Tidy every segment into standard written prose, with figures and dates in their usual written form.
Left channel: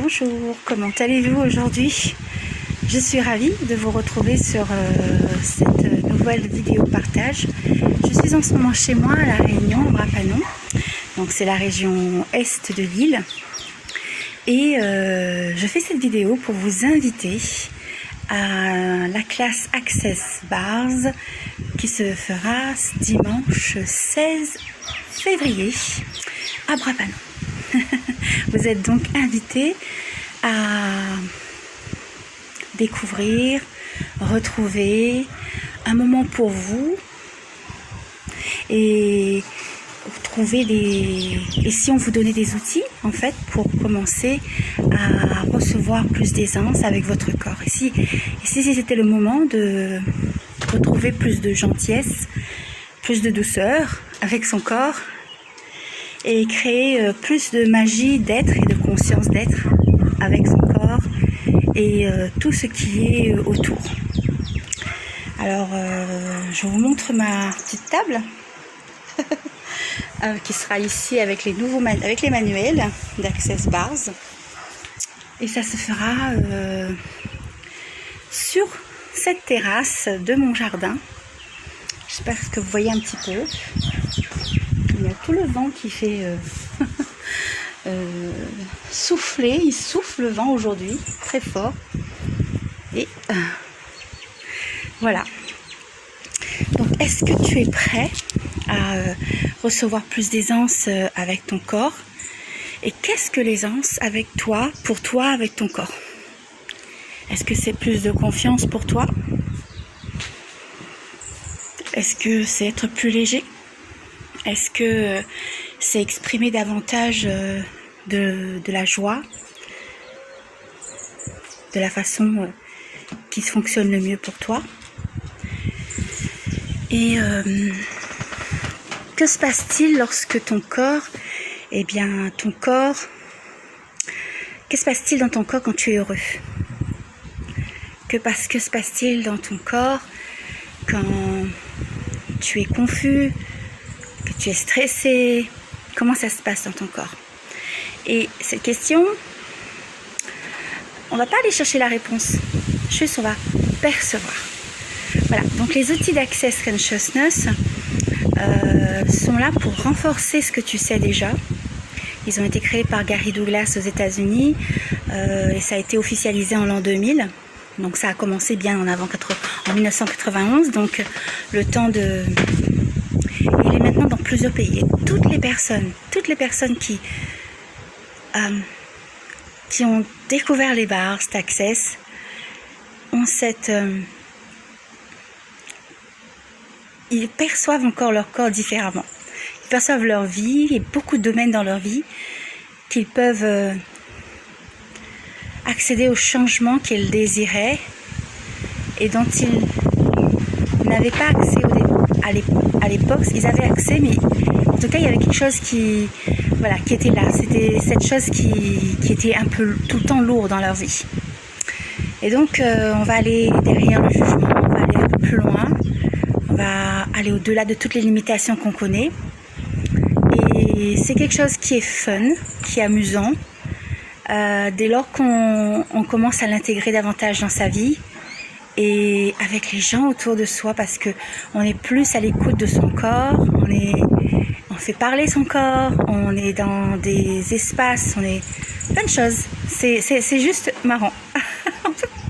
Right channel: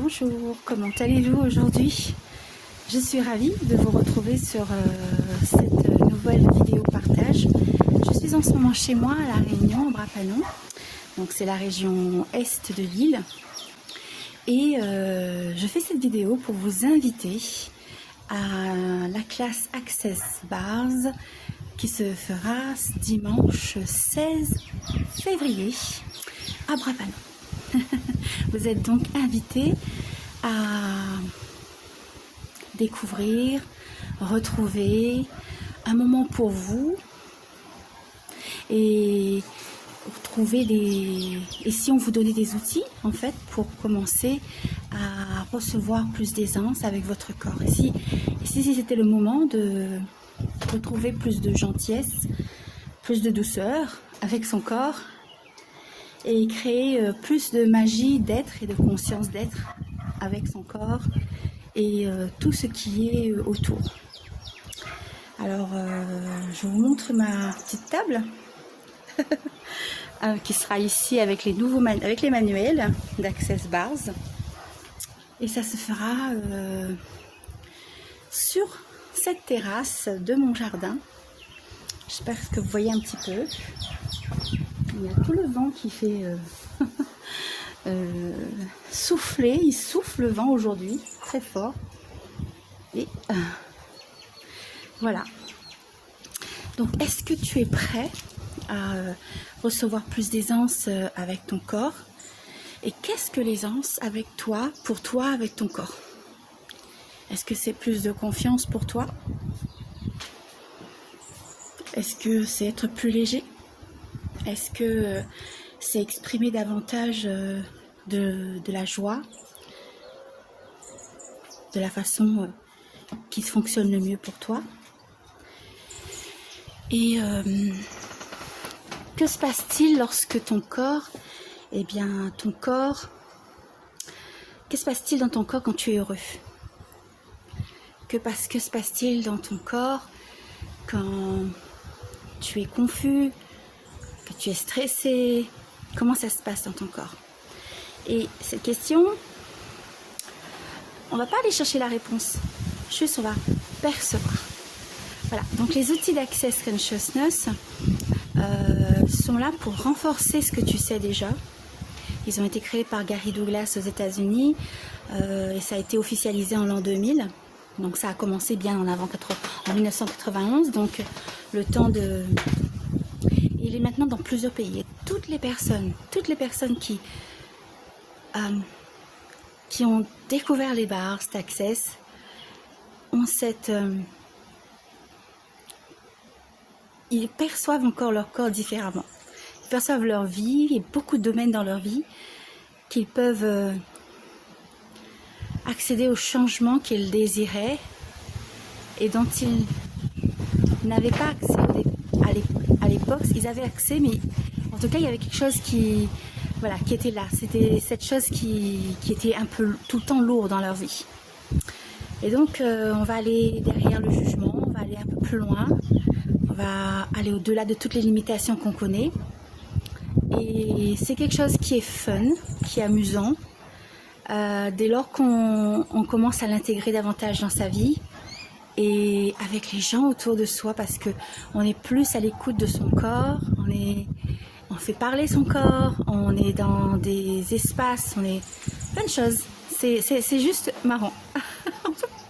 Bonjour, comment allez-vous aujourd'hui? Je suis ravie de vous retrouver sur cette nouvelle vidéo partage. Je suis en ce moment chez moi à La Réunion, en Bras-Panon. Donc c'est la région est de l'île. Et je fais cette vidéo pour vous inviter à la classe Access Bars qui se fera dimanche 16 février à Bras-Panon. Vous êtes donc invités à découvrir, retrouver un moment pour vous et trouver et si on vous donnait des outils en fait pour commencer à recevoir plus d'aisance avec votre corps. Et si c'était le moment de retrouver plus de gentillesse, plus de douceur avec son corps et créer plus de magie d'être et de conscience d'être avec son corps et tout ce qui est autour. Alors je vous montre ma petite table qui sera ici avec les manuels d'Access Bars, et ça se fera sur cette terrasse de mon jardin. J'espère que vous voyez un petit peu. Il y a tout le vent qui fait souffler, il souffle le vent aujourd'hui très fort, et voilà. Donc est-ce que tu es prêt à recevoir plus d'aisance avec ton corps? Et qu'est-ce que l'aisance avec toi, pour toi, avec ton corps? Est-ce que c'est plus de confiance pour toi? Est-ce que c'est être plus léger? Est-ce que c'est exprimer davantage de la joie, de la façon qui fonctionne le mieux pour toi? Et que se passe-t-il lorsque ton corps, que se passe-t-il dans ton corps quand tu es heureux? Que se passe-t-il dans ton corps quand tu es confus, que tu es stressé? Comment ça se passe dans ton corps? Et cette question, on ne va pas aller chercher la réponse, juste on va percevoir. Voilà, donc les outils d'Access Consciousness sont là pour renforcer ce que tu sais déjà. Ils ont été créés par Gary Douglas aux États-Unis et ça a été officialisé en l'an 2000. Donc ça a commencé bien en 1991, donc le temps de... Il est maintenant dans plusieurs pays. Et toutes les personnes qui ont découvert les bars, cet Access, ont ils perçoivent encore leur corps différemment. Ils perçoivent leur vie et beaucoup de domaines dans leur vie qu'ils peuvent accéder au changement qu'ils désiraient et dont ils n'avaient pas accès à l'époque. Ils avaient accès, mais en tout cas il y avait quelque chose qui était là. C'était cette chose qui était un peu tout le temps lourde dans leur vie. Et donc on va aller derrière le jugement, on va aller un peu plus loin, on va aller au-delà de toutes les limitations qu'on connaît. Et c'est quelque chose qui est fun, qui est amusant, dès lors qu'on commence à l'intégrer davantage dans sa vie et avec les gens autour de soi, parce que on est plus à l'écoute de son corps, on fait parler son corps, on est dans des espaces, on est plein de choses. C'est juste marrant.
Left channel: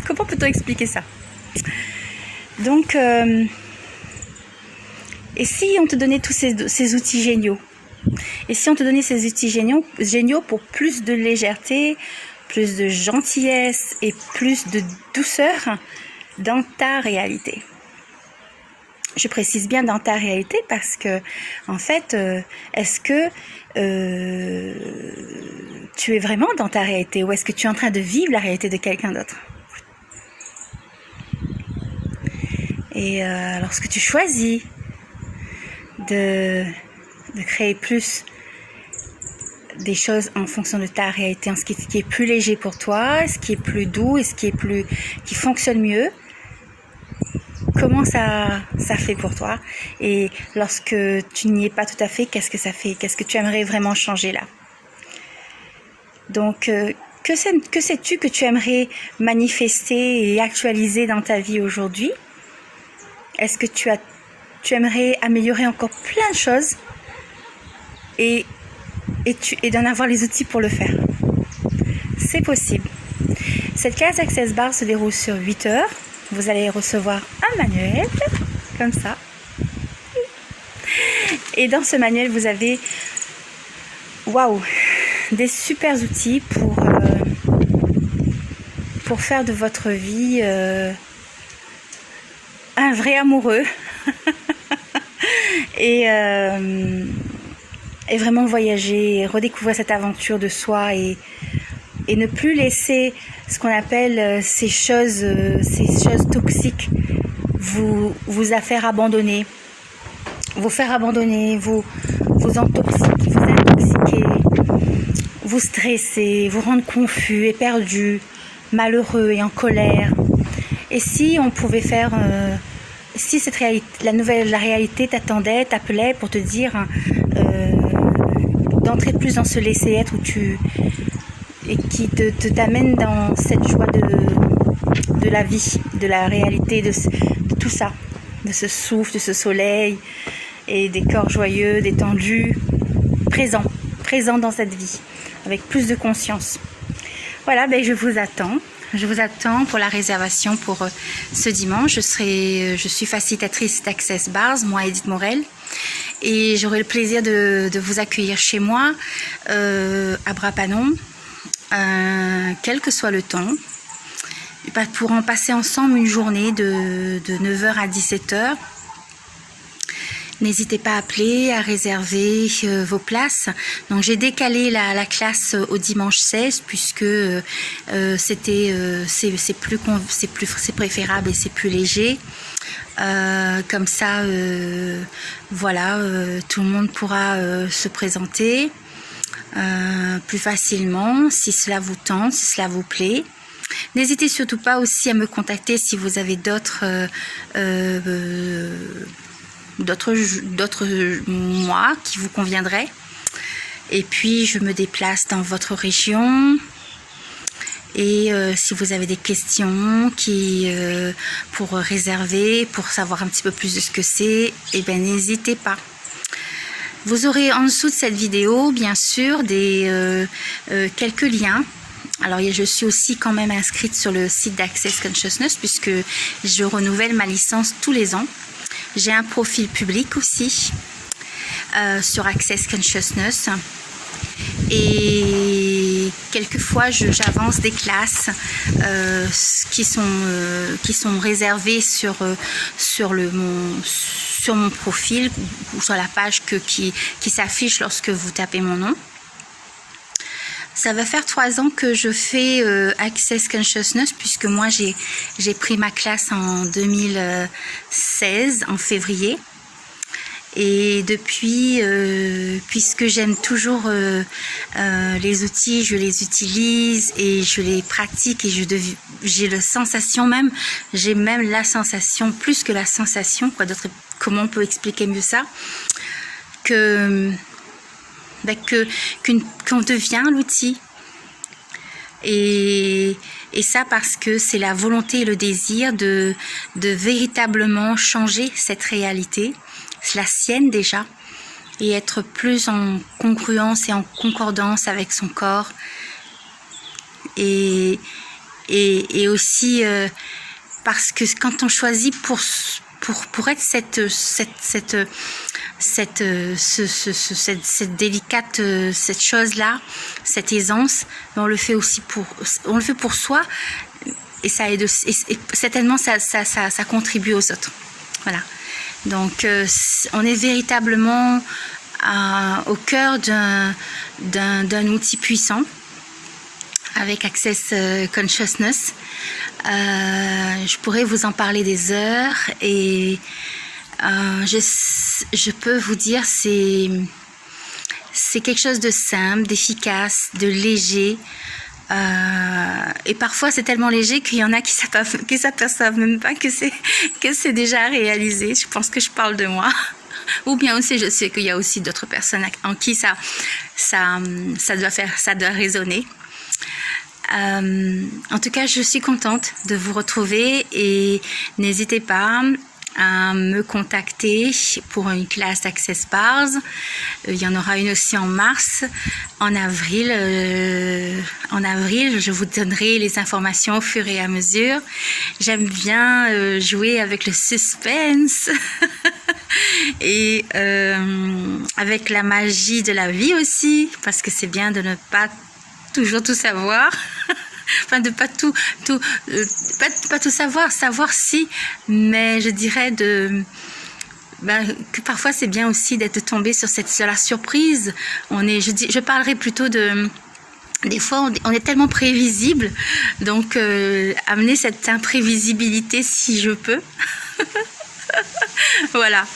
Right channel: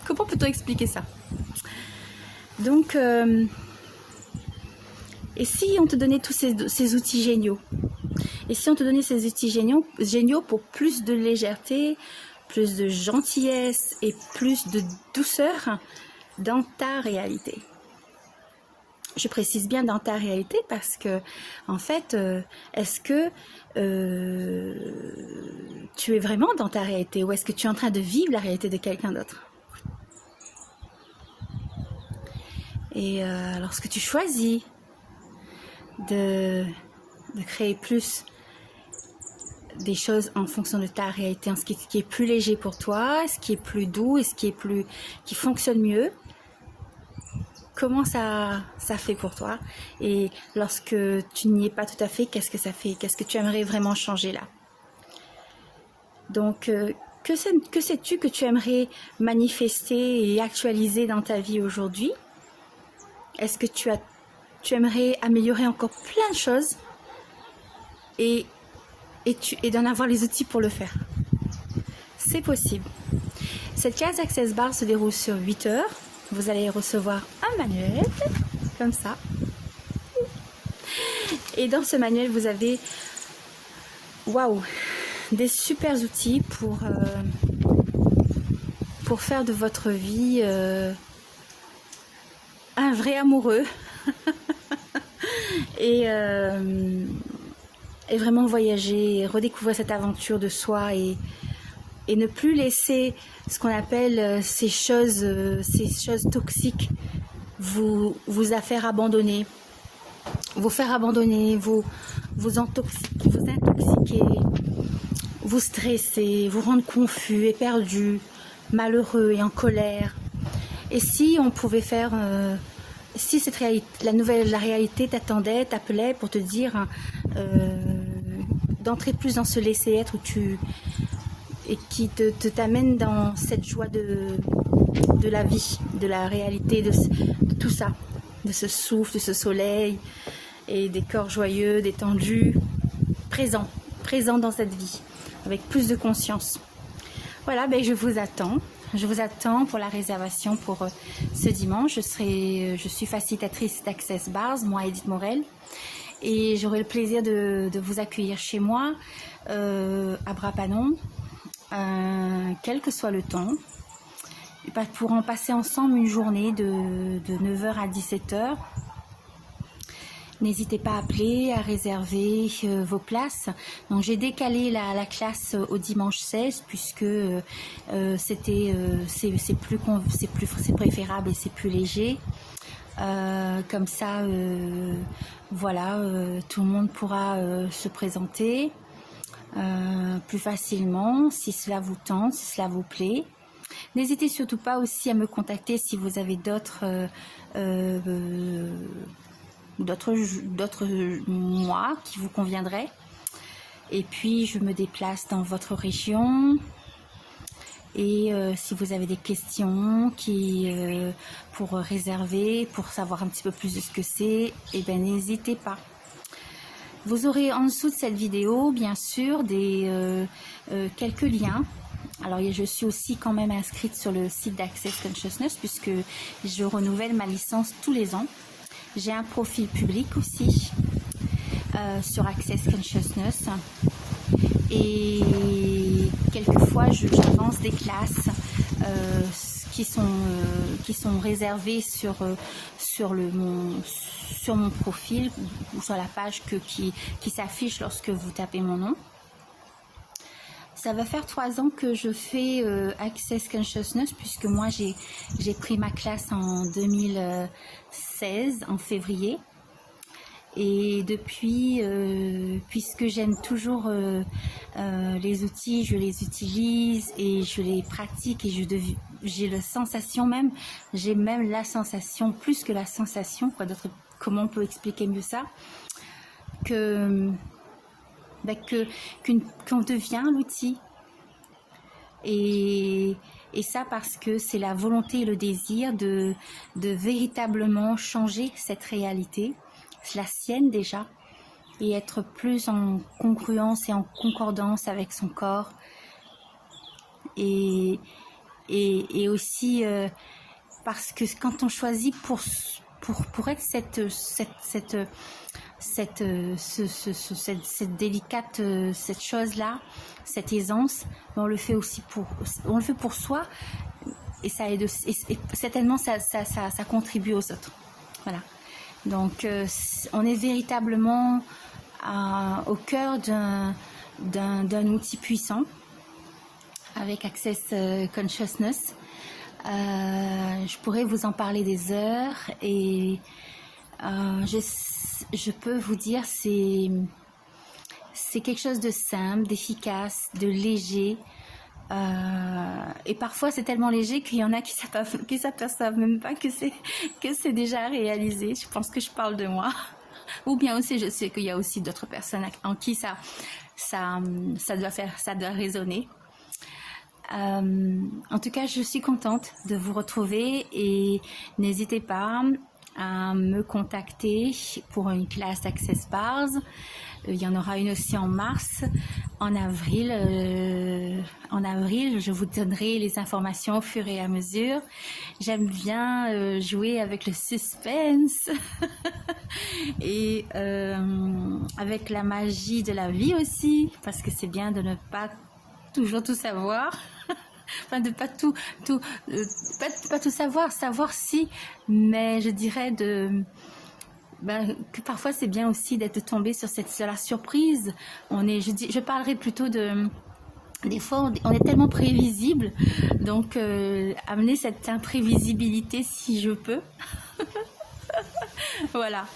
Comment peut-on expliquer ça? Donc, et si on te donnait tous ces outils géniaux? Et si on te donnait ces outils géniaux pour plus de légèreté, plus de gentillesse et plus de douceur dans ta réalité? Je précise bien dans ta réalité parce que, en fait, est-ce que tu es vraiment dans ta réalité ou est-ce que tu es en train de vivre la réalité de quelqu'un d'autre? Et lorsque tu choisis de créer plus des choses en fonction de ta réalité, en ce qui est plus léger pour toi, ce qui est plus doux et qui fonctionne mieux, comment ça fait pour toi? Et lorsque tu n'y es pas tout à fait, qu'est-ce que ça fait? Qu'est-ce que tu aimerais vraiment changer là? Donc que sais-tu que tu aimerais manifester et actualiser dans ta vie aujourd'hui? Est-ce que tu aimerais améliorer encore plein de choses et d'en avoir les outils pour le faire? C'est possible. Cette classe Access Bar se déroule sur 8 heures. Vous allez recevoir un manuel, comme ça. Et dans ce manuel, vous avez, waouh, des super outils pour faire de votre vie un vrai amoureux. et vraiment voyager, redécouvrir cette aventure de soi et ne plus laisser ce qu'on appelle ces choses toxiques vous faire abandonner, vous intoxiquer, vous stresser, vous rendre confus et perdu, malheureux et en colère. Et si on pouvait faire, si cette réalité, la réalité t'appelait pour te dire d'entrer plus dans ce laisser-être et qui t'amène dans cette joie de la vie, de la réalité, de tout ça, de ce souffle, de ce soleil et des corps joyeux, détendus, présents dans cette vie, avec plus de conscience. Voilà, ben je vous attends pour la réservation pour ce dimanche. Je suis facilitatrice d'Access Bars, moi Edith Morel, et j'aurai le plaisir de vous accueillir chez moi à Bras-Panon, quel que soit le temps, pour en passer ensemble une journée de 9h à 17h. N'hésitez pas à appeler, à réserver vos places. Donc j'ai décalé la classe au dimanche 16 puisque c'est préférable et c'est plus léger. Comme ça, voilà, tout le monde pourra se présenter plus facilement si cela vous tente, si cela vous plaît. N'hésitez surtout pas aussi à me contacter si vous avez d'autres mois qui vous conviendraient. Et puis je me déplace dans votre région. Et si vous avez des questions pour réserver, pour savoir un petit peu plus de ce que c'est, eh bien n'hésitez pas. Vous aurez en dessous de cette vidéo, bien sûr, quelques liens. Alors, je suis aussi quand même inscrite sur le site d'Access Consciousness puisque je renouvelle ma licence tous les ans. J'ai un profil public aussi sur Access Consciousness. Et quelquefois, j'avance des classes qui sont réservées sur mon profil ou sur la page qui s'affiche lorsque vous tapez mon nom. Ça va faire 3 ans que je fais Access Consciousness puisque moi j'ai pris ma classe en 2016, en février. Et depuis, puisque j'aime toujours les outils, je les utilise et je les pratique et j'ai la sensation même, la sensation, plus que la sensation, comment on peut expliquer mieux ça, qu'on devient l'outil. Et ça parce que c'est la volonté et le désir de véritablement changer cette réalité, la sienne déjà, et être plus en congruence et en concordance avec son corps. Et aussi parce que quand on choisit pour être cette délicate, cette chose-là, cette aisance, on le fait aussi pour soi, et ça aide, et certainement ça contribue aux autres. Voilà. Donc on est véritablement au cœur d'un outil puissant avec Access Consciousness. Je pourrais vous en parler des heures et je peux vous dire c'est quelque chose de simple, d'efficace, de léger. Et parfois c'est tellement léger qu'il y en a qui s'aperçoivent même pas que c'est déjà réalisé. Je pense que je parle de moi. Ou bien aussi je sais qu'il y a aussi d'autres personnes en qui ça doit résonner. En tout cas, je suis contente de vous retrouver et n'hésitez pas à me contacter pour une classe d'Access Bars. Il y en aura une aussi en mars. En avril, je vous donnerai les informations au fur et à mesure. J'aime bien jouer avec le suspense et avec la magie de la vie aussi, parce que c'est bien de ne pas toujours tout savoir. Enfin, de pas tout savoir si, mais je dirais que parfois c'est bien aussi d'être tombé sur la surprise. Je parlerai plutôt des fois on est tellement prévisible, donc amener cette imprévisibilité si je peux. Voilà,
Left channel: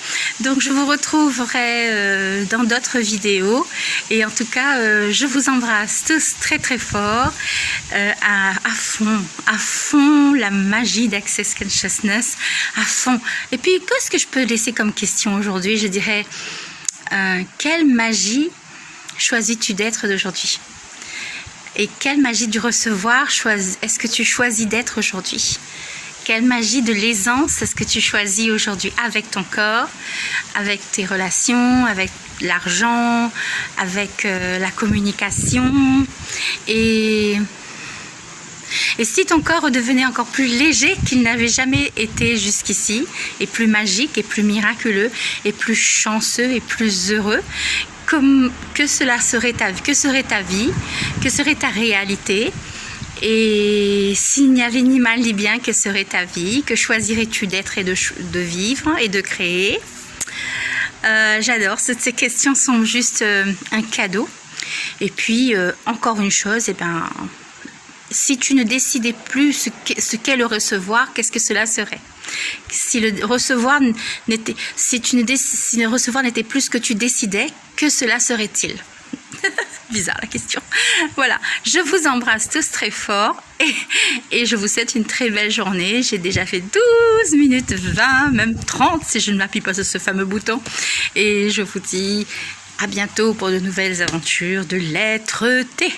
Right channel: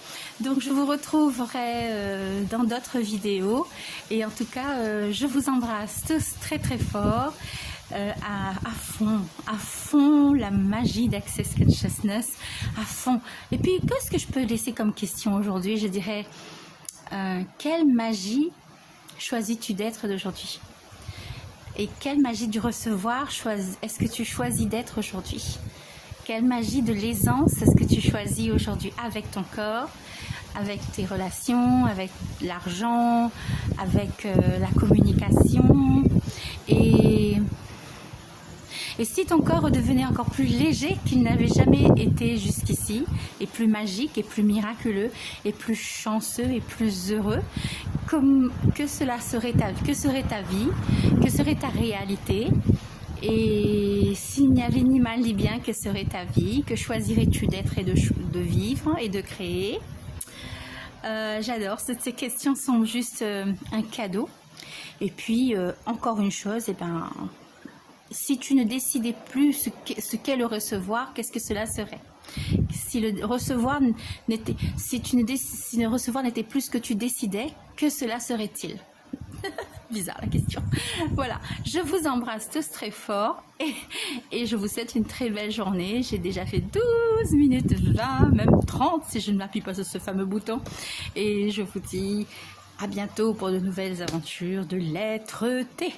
donc je vous retrouverai dans d'autres vidéos et en tout cas je vous embrasse tous très très fort, à fond la magie d'Access Consciousness, à fond. Et puis qu'est-ce que je peux laisser comme question aujourd'hui? Je dirais quelle magie choisis-tu d'être d'aujourd'hui? Et quelle magie du recevoir est-ce que tu choisis d'être aujourd'hui? Quelle magie de l'aisance est-ce que tu choisis aujourd'hui avec ton corps, avec tes relations, avec l'argent, avec la communication? Et si ton corps redevenait encore plus léger qu'il n'avait jamais été jusqu'ici, et plus magique, et plus miraculeux, et plus chanceux, et plus heureux, que serait ta vie, que serait ta réalité? Et s'il n'y avait ni mal ni bien, que serait ta vie? Que choisirais-tu d'être et de vivre et de créer? J'adore, ces questions sont juste un cadeau. Et puis, encore une chose, si tu ne décidais plus ce qu'est le recevoir, qu'est-ce que cela serait? Si le recevoir n'était plus ce que tu décidais, que cela serait-il? Bizarre la question. Voilà, je vous embrasse tous très fort et je vous souhaite une très belle journée. J'ai déjà fait 12 minutes 20, même 30 si je ne m'appuie pas sur ce fameux bouton. Et je vous dis à bientôt pour de nouvelles aventures de l'être-té.